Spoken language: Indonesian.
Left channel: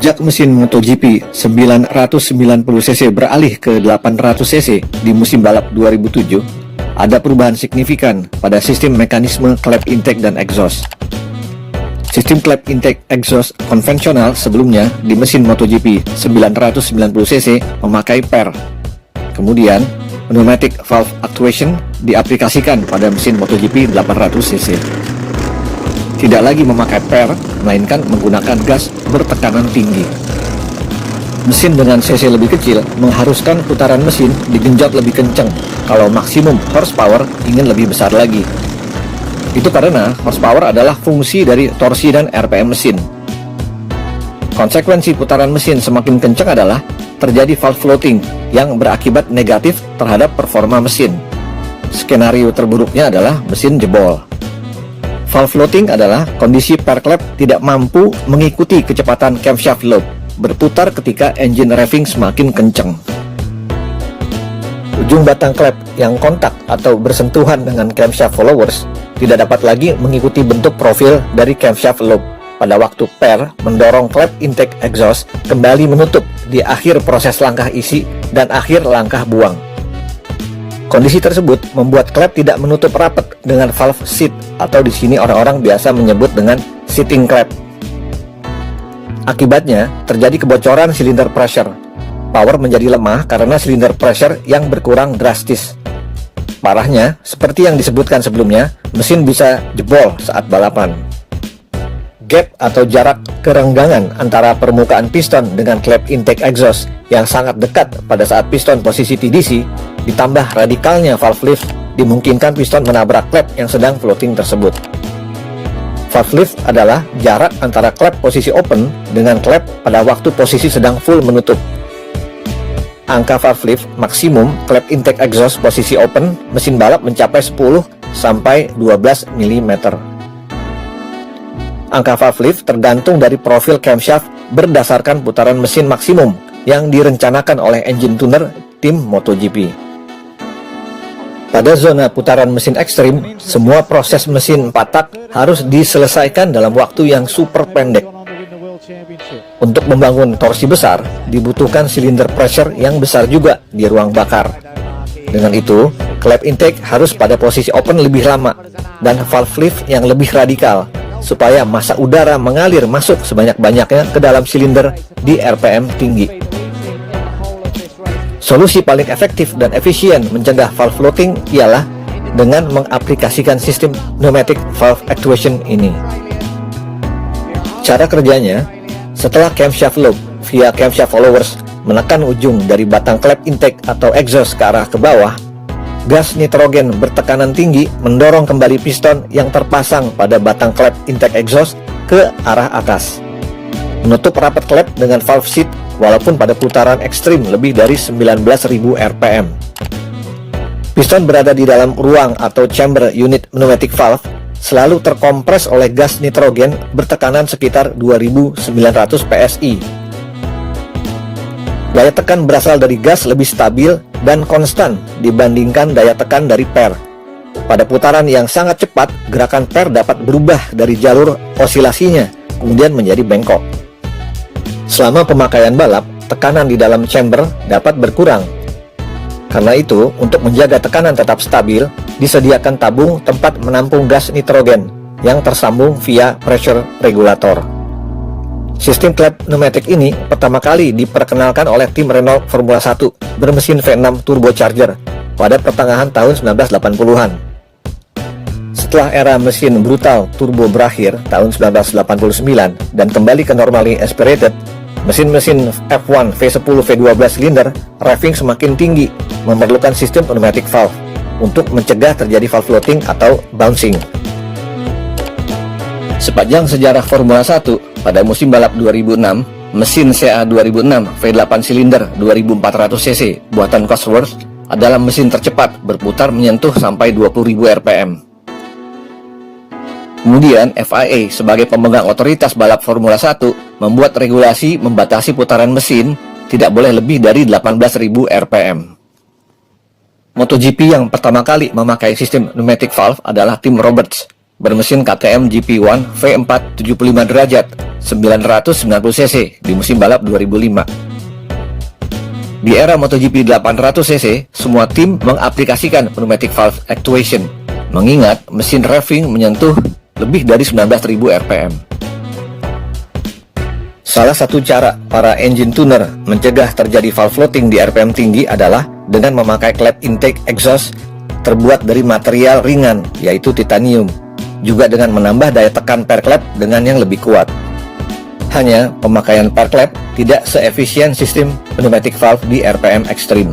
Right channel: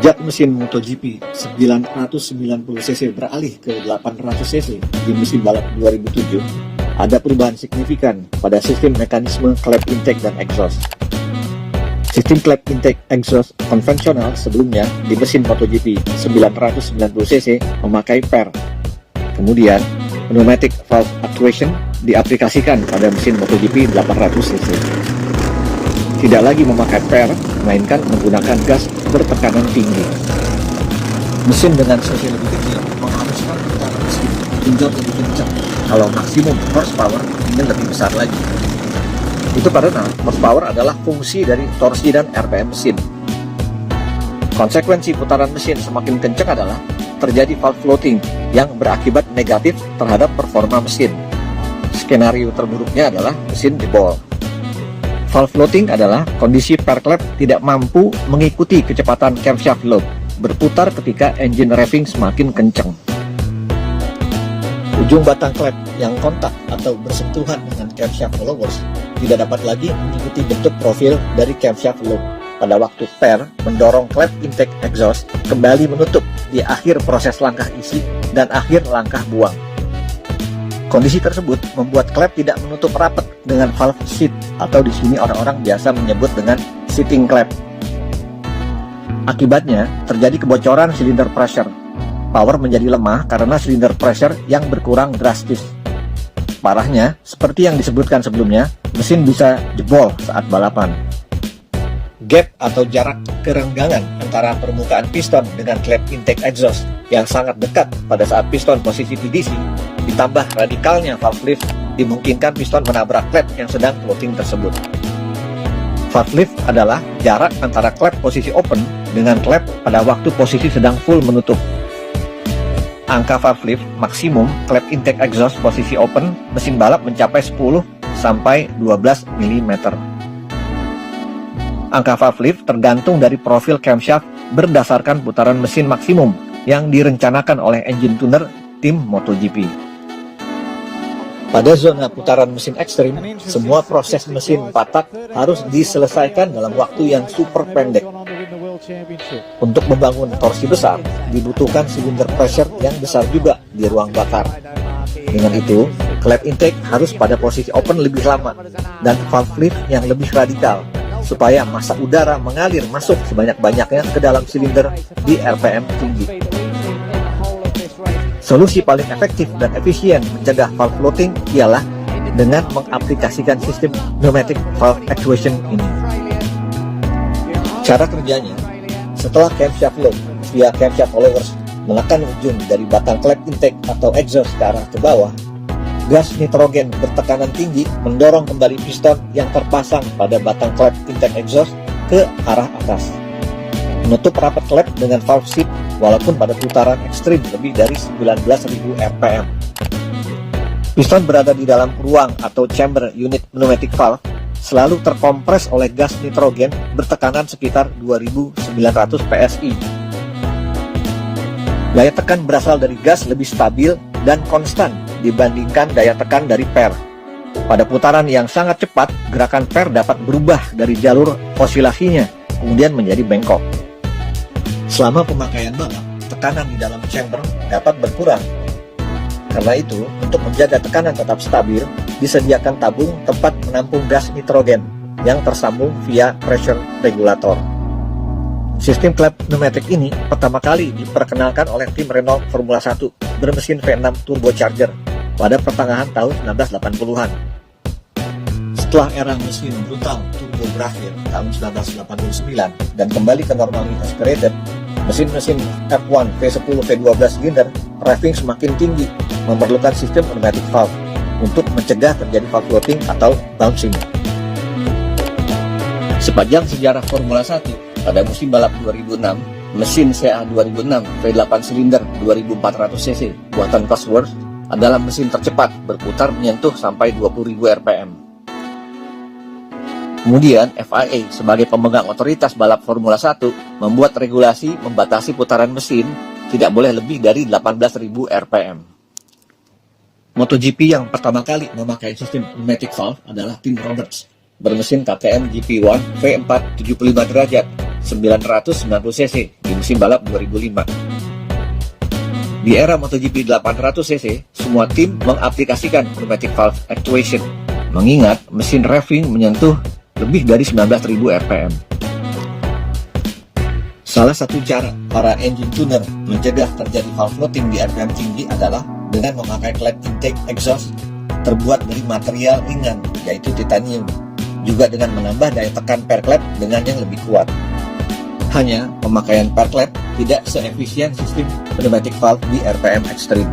Sejak mesin MotoGP 990cc beralih ke 800cc di musim balap 2007, ada perubahan signifikan pada sistem mekanisme klep intake dan exhaust. Sistem klep intake exhaust konvensional sebelumnya di mesin MotoGP 990cc memakai per. Kemudian, pneumatic valve actuation diaplikasikan pada mesin MotoGP 800cc. Tidak lagi memakai per, melainkan menggunakan gas bertekanan tinggi. Mesin dengan cc lebih kecil mengharuskan putaran mesin digenjot lebih kencang kalau maksimum horsepower ingin lebih besar lagi. Itu karena horsepower adalah fungsi dari torsi dan RPM mesin. Konsekuensi putaran mesin semakin kencang adalah terjadi valve floating yang berakibat negatif terhadap performa mesin. Skenario terburuknya adalah mesin jebol. Valve floating adalah kondisi per klep tidak mampu mengikuti kecepatan camshaft loop berputar ketika engine revving semakin kencang. Ujung batang klep yang kontak atau bersentuhan dengan camshaft followers tidak dapat lagi mengikuti bentuk profil dari camshaft loop pada waktu per mendorong klep intake exhaust kembali menutup di akhir proses langkah isi dan akhir langkah buang. Kondisi tersebut membuat klep tidak menutup rapat dengan valve seat atau di sini orang-orang biasa menyebut dengan seating klep. Akibatnya, terjadi kebocoran silinder pressure. Power menjadi lemah karena silinder pressure yang berkurang drastis. Parahnya, seperti yang disebutkan sebelumnya, mesin bisa jebol saat balapan. Gap atau jarak kerenggangan antara permukaan piston dengan klep intake exhaust yang sangat dekat pada saat piston posisi TDC ditambah radikalnya valve lift dimungkinkan piston menabrak klep yang sedang floating tersebut. Valve lift adalah jarak antara klep posisi open dengan klep pada waktu posisi sedang full menutup. Angka valve lift maksimum klep intake exhaust posisi open mesin balap mencapai 10 sampai 12 mm. Angka valve lift tergantung dari profil camshaft berdasarkan putaran mesin maksimum yang direncanakan oleh engine tuner tim MotoGP. Pada zona putaran mesin ekstrim, semua proses mesin 4 tak harus diselesaikan dalam waktu yang super pendek. Untuk membangun torsi besar, dibutuhkan silinder pressure yang besar juga di ruang bakar. Dengan itu, klep intake harus pada posisi open lebih lama dan valve lift yang lebih radikal supaya massa udara mengalir masuk sebanyak-banyaknya ke dalam silinder di RPM tinggi. Solusi paling efektif dan efisien mencegah valve floating ialah dengan mengaplikasikan sistem pneumatic valve actuation ini. Cara kerjanya, setelah camshaft loop via camshaft followers menekan ujung dari batang klep intake atau exhaust ke arah ke bawah, gas nitrogen bertekanan tinggi mendorong kembali piston yang terpasang pada batang klep intake exhaust ke arah atas. Menutup rapat klep dengan valve seat walaupun pada putaran ekstrim lebih dari 19.000 rpm. Piston berada di dalam ruang atau chamber unit pneumatic valve selalu terkompres oleh gas nitrogen bertekanan sekitar 2.900 psi. Daya tekan berasal dari gas lebih stabil dan konstan dibandingkan daya tekan dari per. Pada putaran yang sangat cepat, gerakan per dapat berubah dari jalur osilasinya, kemudian menjadi bengkok. Selama pemakaian balap, tekanan di dalam chamber dapat berkurang. Karena itu, untuk menjaga tekanan tetap stabil, disediakan tabung tempat menampung gas nitrogen yang tersambung via pressure regulator. Sistem klep pneumatik ini pertama kali diperkenalkan oleh tim Renault Formula 1 bermesin V6 turbocharger pada pertengahan tahun 1980-an. Setelah era mesin brutal turbo berakhir tahun 1989 dan kembali ke normally aspirated, mesin-mesin F1 V10 V12 silinder revving semakin tinggi memerlukan sistem pneumatic valve untuk mencegah terjadi valve floating atau bouncing. Sepanjang sejarah Formula 1, pada musim balap 2006, mesin CA 2006 V8 silinder 2400cc buatan Cosworth adalah mesin tercepat berputar menyentuh sampai 20.000 rpm. Kemudian FIA sebagai pemegang otoritas balap Formula 1 membuat regulasi membatasi putaran mesin tidak boleh lebih dari 18.000 rpm. MotoGP yang pertama kali memakai sistem pneumatic valve adalah tim Roberts bermesin KTM GP1 V4 75 derajat 990 cc di musim balap 2005. Di era MotoGP 800 cc, semua tim mengaplikasikan pneumatic valve actuation, mengingat mesin revving menyentuh lebih dari 19.000 rpm. Salah satu cara para engine tuner mencegah terjadi valve floating di rpm tinggi adalah dengan memakai klep intake exhaust terbuat dari material ringan, yaitu titanium, juga dengan menambah daya tekan per klep dengan yang lebih kuat. Hanya pemakaian per klep tidak seefisien sistem pneumatic valve di RPM ekstrim.